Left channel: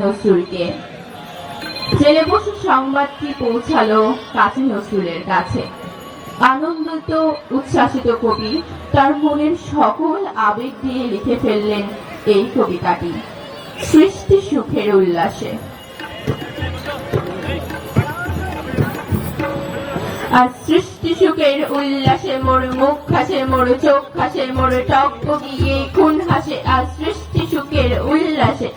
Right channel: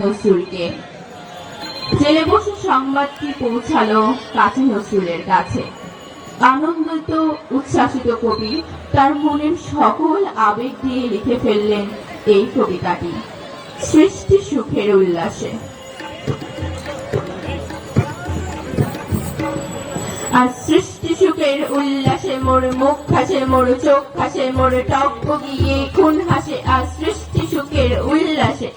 নজরুলকে। জেলে বসে সংবাদটি পৌঁছালো কাজী নজরুলের কাছে। আনন্দিত উচ্ছ্বাসিত কবি তার মনের সকল আবেগ দিয়ে লিখে ফেললেন এই কবিতাটি সৃষ্টি সুখের উল্লাসে। আর সৃষ্টি সুখের উল্লাসে মোর মুখ হাসে, মোর চোখ হাসে, মোর টকবগিয়ে খুন হাসে। আর সৃষ্টি সুখের উল্লাসে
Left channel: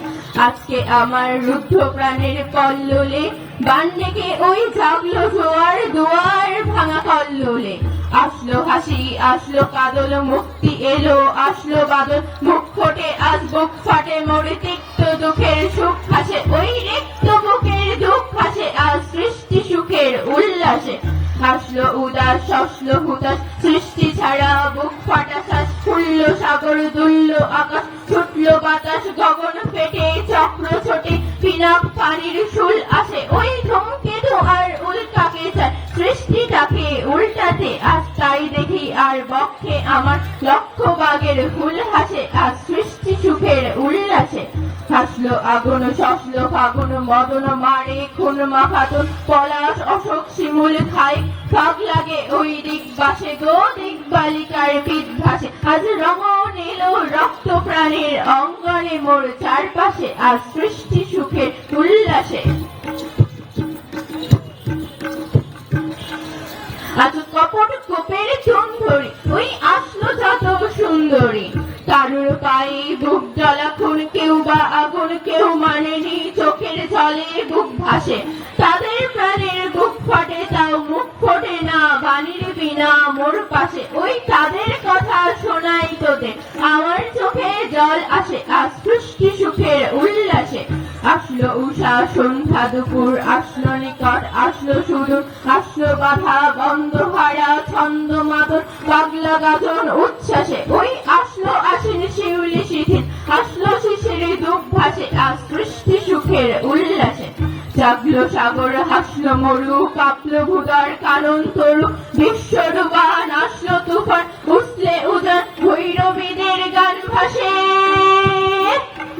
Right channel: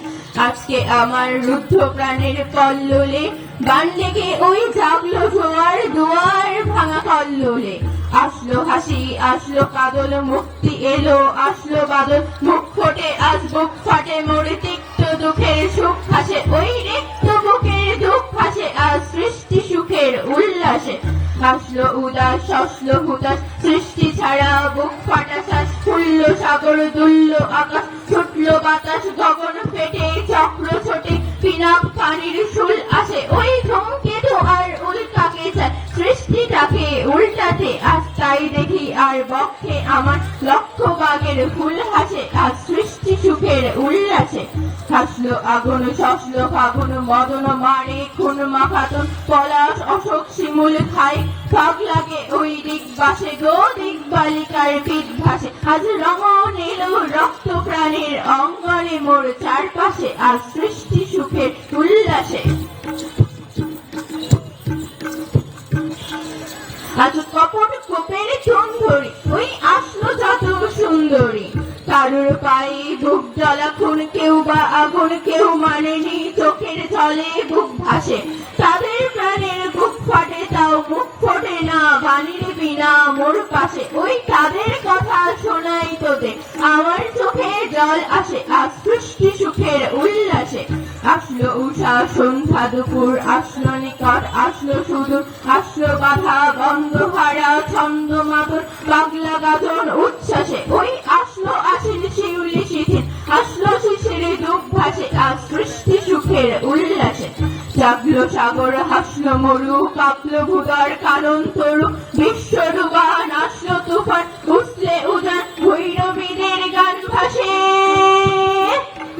আজকে আমার রুদ্ধ প্রাণের কল্লোলে বান ডেকে ওই জাগলো জোয়ার দুয়ার ভাঙা কল্লোলে। আসলো হাসি, আসলো কাদল, মুক্তি এলো, আসলো বাদল, মুখ ফোটে আজ বুক ফাটে, মোর তিক্ত দুঃখের সুখ হাসে, ওই রিক্ত বুকের দুঃখ হাসে। আর সৃষ্টি সুখের উল্লাসে আসলো উদাস, আসলো হুতাশ, সৃষ্টি ছাড়া বুক ফাটা শ্বাস, খুলল সাগর, দুলল আকাশ, ছুটলো বাতাস, গগন ফেটে চাটলো ছোটে, পিনাক পানির শুল আসে, ওই ধূমকেতু আর উল্কাকে চায় সৃষ্টিটাকে উল্টাতে। আজ তাই দেখি আর বক্ষে আমার লক্ষ বাগের ফুল হাসে। আর সৃষ্টি সুখের উল্লাসে হাসলো আগুন, শসলো ফাগুন, মদন মারে খুন মাখাতুন, পলাশ অশোক শিমুল খাই, ফাঁক লাগে ওই দিক বাসে গো, দিক বালিকার পিঠ ভাসে। আজ রমণ এলো রক্ত প্রাণের অঙ্গনে মোর চারপাশে। আর সৃষ্টি সুখের উল্লাসে আজ কপট কোপের চুন ধরে ওই আসলো যত সুন্দরী, কারোর পায়ে বুক জ্বলা খুন, কেউ বা আগুন, কেউ মানেনি চোখের জলে বুক ভাসে। তাদের প্রাণের বুক ফাটে তাও মুখ ফোটে না, বাণীর বিনা মোর পাশে। ওই তাদের কথা শোনাই তোদের আমার চোখে জল আসে। আর সৃষ্টি সুখের উল্লাসে আসলো উষা সন্ধ্যা দুপুর, আসলো নিকট, আসলো সুদূর, আসলো বাধা বন্ধহারা ছন্দ মাদর, পাগলা গাজন উচ্ছ্বাসে। ওই আসলো আছেন শিউলি শিথিল, আসলো শিশিরে দুঃখ ভাসে। আর সৃষ্টি সুখের উল্লাসে জাগলো সাগর, হাসলো মরু, কাঁপলো ভুগার কারণ তোর, বিশ্বর গান আসলো তুফান, উঠলে উদার ভৈরবীদের গান ভাসে।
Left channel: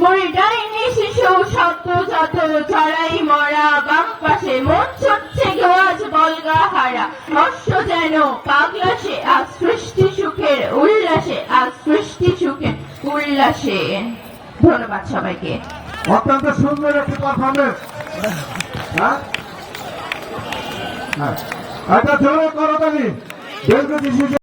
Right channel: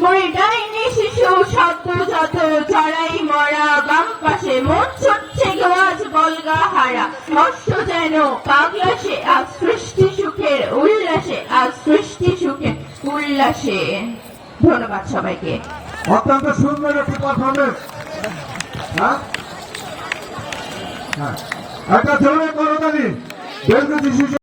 মোর ডাইনি শিশু সদ্যজাত চড়াই মরা বাম পাশে, মন চাচ্ছে আজ বলগা হারা, মস্ত যেন পাগলাসে। আর সৃষ্টি সুখের উল্লাসে, আর সৃষ্টি সুখের উল্লাসে। ধন্যবাদ সবাইকে। অত্যন্ত সুন্দর একটি পারফরমেন্স। একটা ছেলে করতালি